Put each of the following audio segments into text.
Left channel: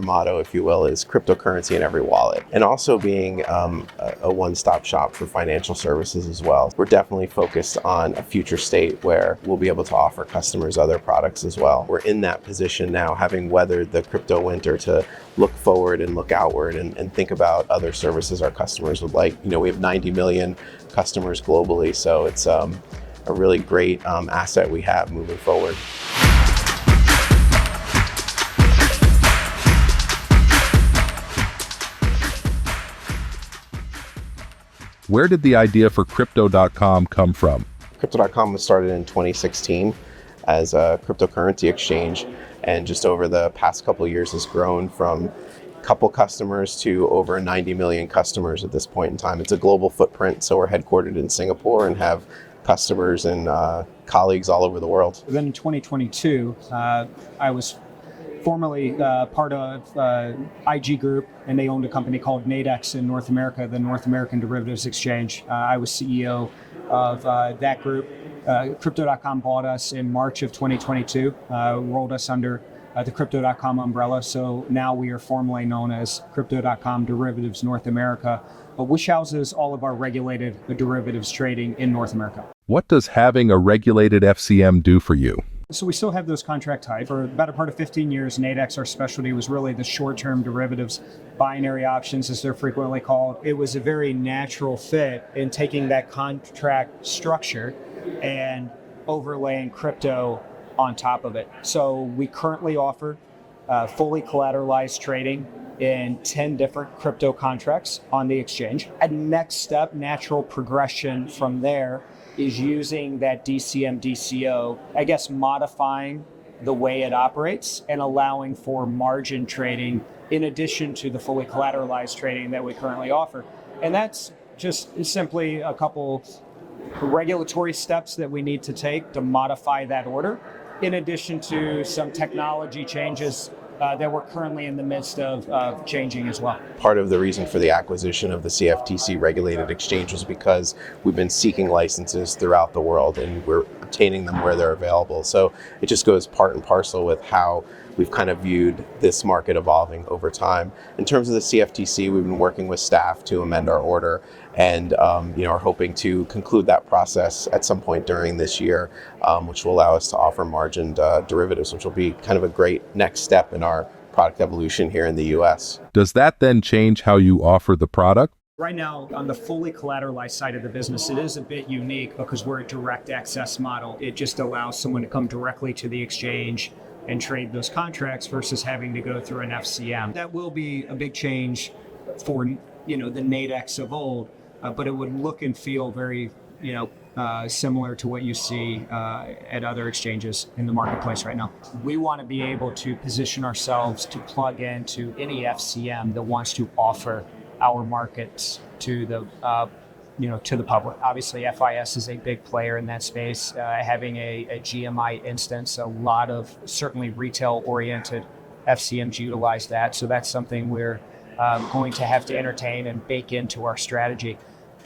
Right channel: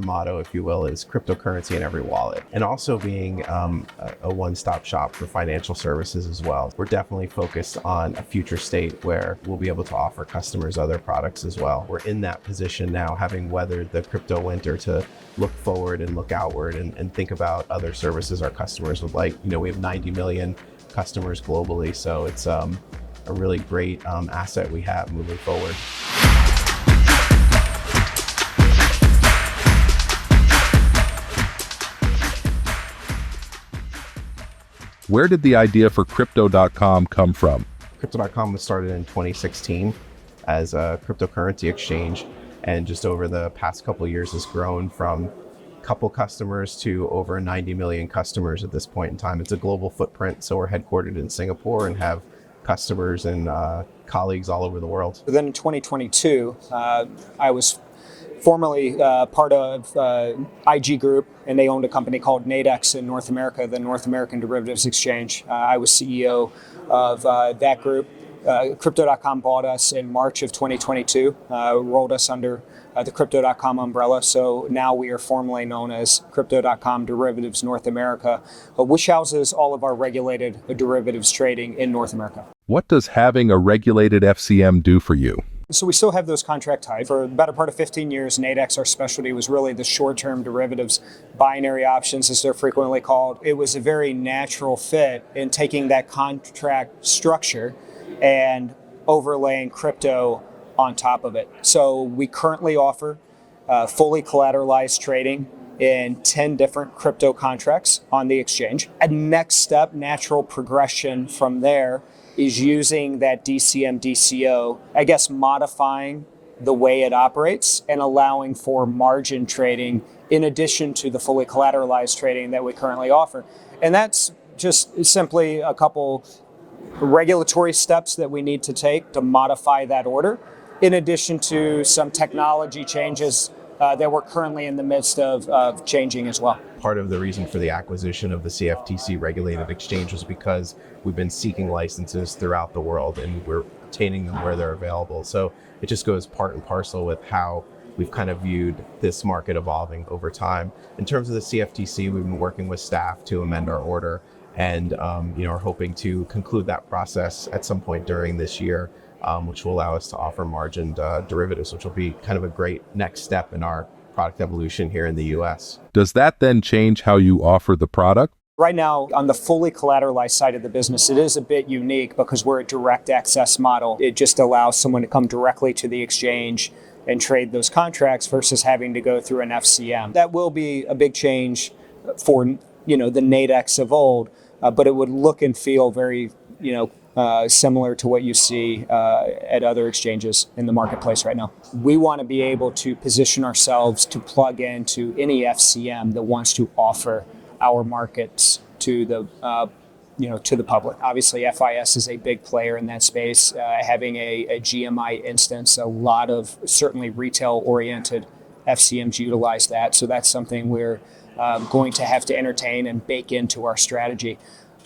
motto, if you will, is cryptocurrency in every wallet, and also being a one-stop shop for financial services as well. We're definitely focused on a future state where we'll be able to offer customers other products as well. We're in that position now, having weathered the crypto winter, to look forward and look outward and think about other services our customers would like. We have 90 million customers globally, so it's a really great asset we have moving forward. Where did the idea for Crypto.com come from? Crypto.com was started in 2016 as a cryptocurrency exchange, and just over the past couple of years has grown from a couple customers to over 90 million customers at this point in time. It's a global footprint, so we're headquartered in Singapore and have customers and colleagues all over the world. Then in 2022, I was formerly part of IG Group, and they owned a company called NADEX in North America, the North American Derivatives Exchange. I was CEO of that group. Crypto.com bought us in March of 2022, rolled us under the Crypto.com umbrella. So now we are formally known as Crypto.com Derivatives North America, which houses all of our regulated derivatives trading in North America. What does having a regulated FCM do for you? So we still have those contract types. For the better part of 15 years, NADEX, our specialty, was really the short-term derivatives, binary options as they're frequently called. It was a very natural fit in taking that contract structure and overlaying crypto on top of it. So we currently offer fully collateralized trading in 10 different crypto contracts on the exchange. A next step, natural progression from there, is using that DCM DCO, modifying the way it operates and allowing for margin trading in addition to the fully collateralized trading that we currently offer. And that's just simply a couple regulatory steps that we need to take to modify that order, in addition to some technology changes that we're currently in the midst of changing as well. Part of the reason for the acquisition of the CFTC-regulated exchange was because we've been seeking licenses throughout the world and we're obtaining them where they're available. So it just goes part and parcel with how we've kind of viewed this market evolving over time. In terms of the CFTC, we've been working with staff to amend our order and are hoping to conclude that process at some point during this year, which will allow us to offer margined derivatives, which will be kind of a great next step in our product evolution here in the US. Does that then change how you offer the product? Right now, on the fully collateralized side of the business, it is a bit unique because we're a direct access model. It just allows someone to come directly to the exchange and trade those contracts versus having to go through an FCM. That will be a big change for the NADEX of old, but it would look and feel very similar to what you see at other exchanges in the marketplace right now. We want to be able to position ourselves to plug into any FCM that wants to offer our markets to the to the public. Obviously, FIS is a big player in that space. Having a GMI instance, a lot of certainly retail-oriented FCMs utilize that. So that's something we're going to have to entertain and bake into our strategy.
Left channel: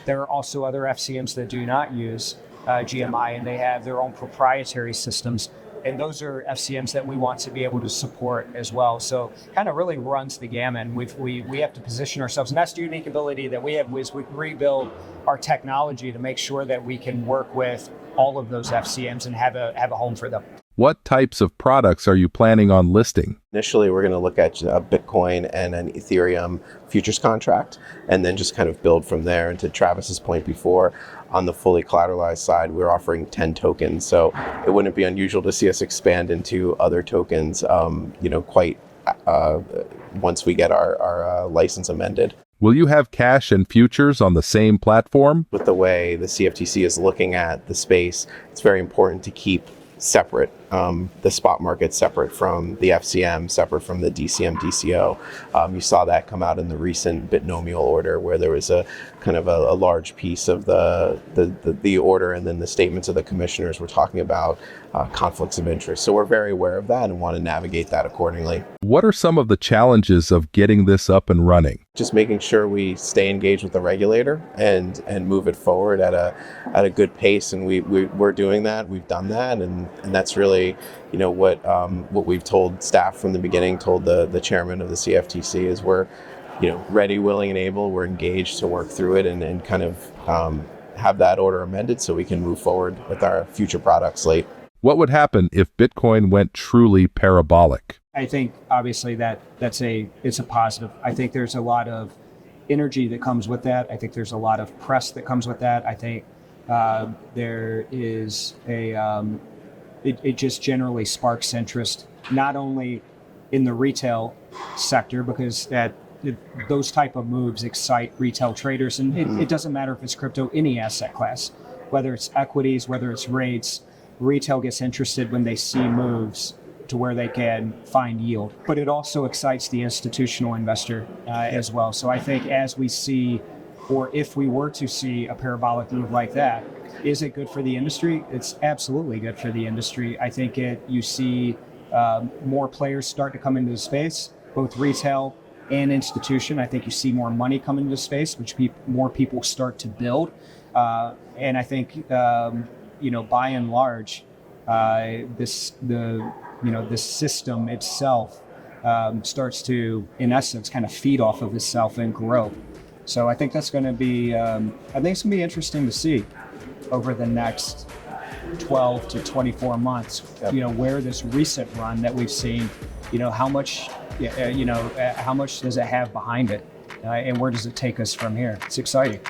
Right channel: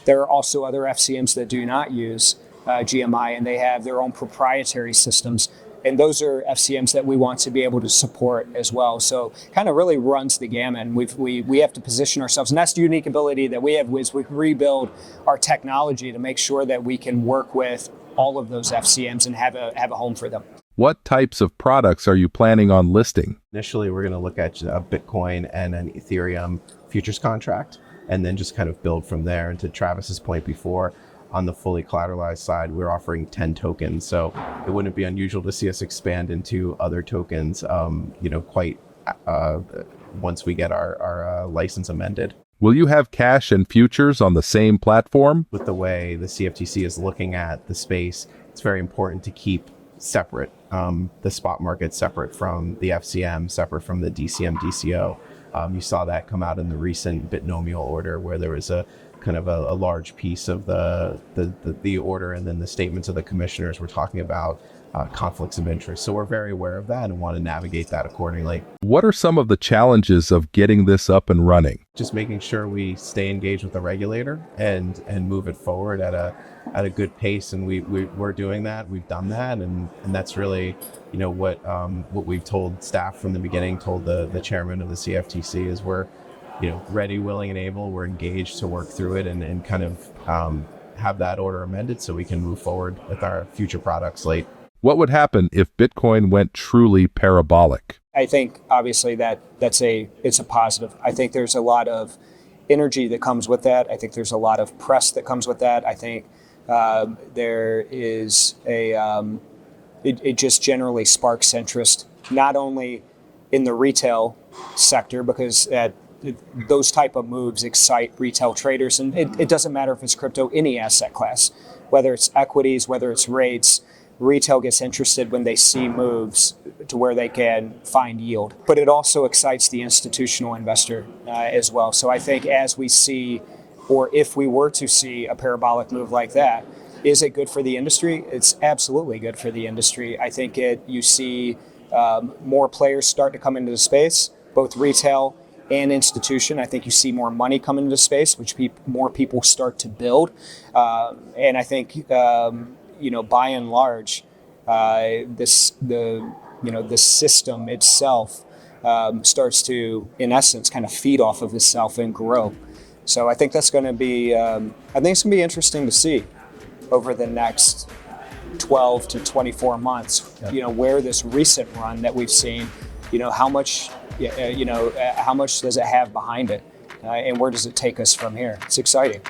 There are also other FCMs that do not use GMI, and they have their own proprietary systems. And those are FCMs that we want to be able to support as well. So kind of really runs the gamut. We have to position ourselves. And that's the unique ability that we have, is we can rebuild our technology to make sure that we can work with all of those FCMs and have a home for them. What types of products are you planning on listing? Initially, we're going to look at a Bitcoin and an Ethereum futures contract, and then just kind of build from there. And to Travis's point before, on the fully collateralized side, we're offering 10 tokens. So it wouldn't be unusual to see us expand into other tokens, once we get our license amended. Will you have cash and futures on the same platform? With the way the CFTC is looking at the space, it's very important to keep separate, the spot market separate from the FCM, separate from the DCM, DCO. You saw that come out in the recent binomial order, where there was a kind of a large piece of the order, and then the statements of the commissioners were talking about conflicts of interest. So we're very aware of that and want to navigate that accordingly. What are some of the challenges of getting this up and running? Just making sure we stay engaged with the regulator and move it forward at a good pace, and we're doing that. We've done that, and that's really really, what we've told staff from the beginning, told the chairman of the CFTC, is we're, ready, willing, and able. We're engaged to work through it and kind of have that order amended so we can move forward with our future product slate. What would happen if Bitcoin went truly parabolic? I think obviously it's a positive. I think there's a lot of energy that comes with that. I think there's a lot of press that comes with that. I think there is it just generally sparks interest, not only in the retail sector, because those type of moves excite retail traders, and it doesn't matter if it's crypto, any asset class, whether it's equities, whether it's rates. Retail gets interested when they see moves to where they can find yield. But it also excites the institutional investor as well. So I think as we see, or if we were to see a parabolic move like that, is it good for the industry? It's absolutely good for the industry. I think you see more players start to come into the space, both retail and institution. I think you see more money come into the space, which more people start to build. And I think by and large, this system itself starts to, in essence, kind of feed off of itself and grow. So I think that's going to be, interesting to see over the next 12 to 24 months. Where this recent run that we've seen, how much does it have behind it, and where does it take us from here? It's exciting.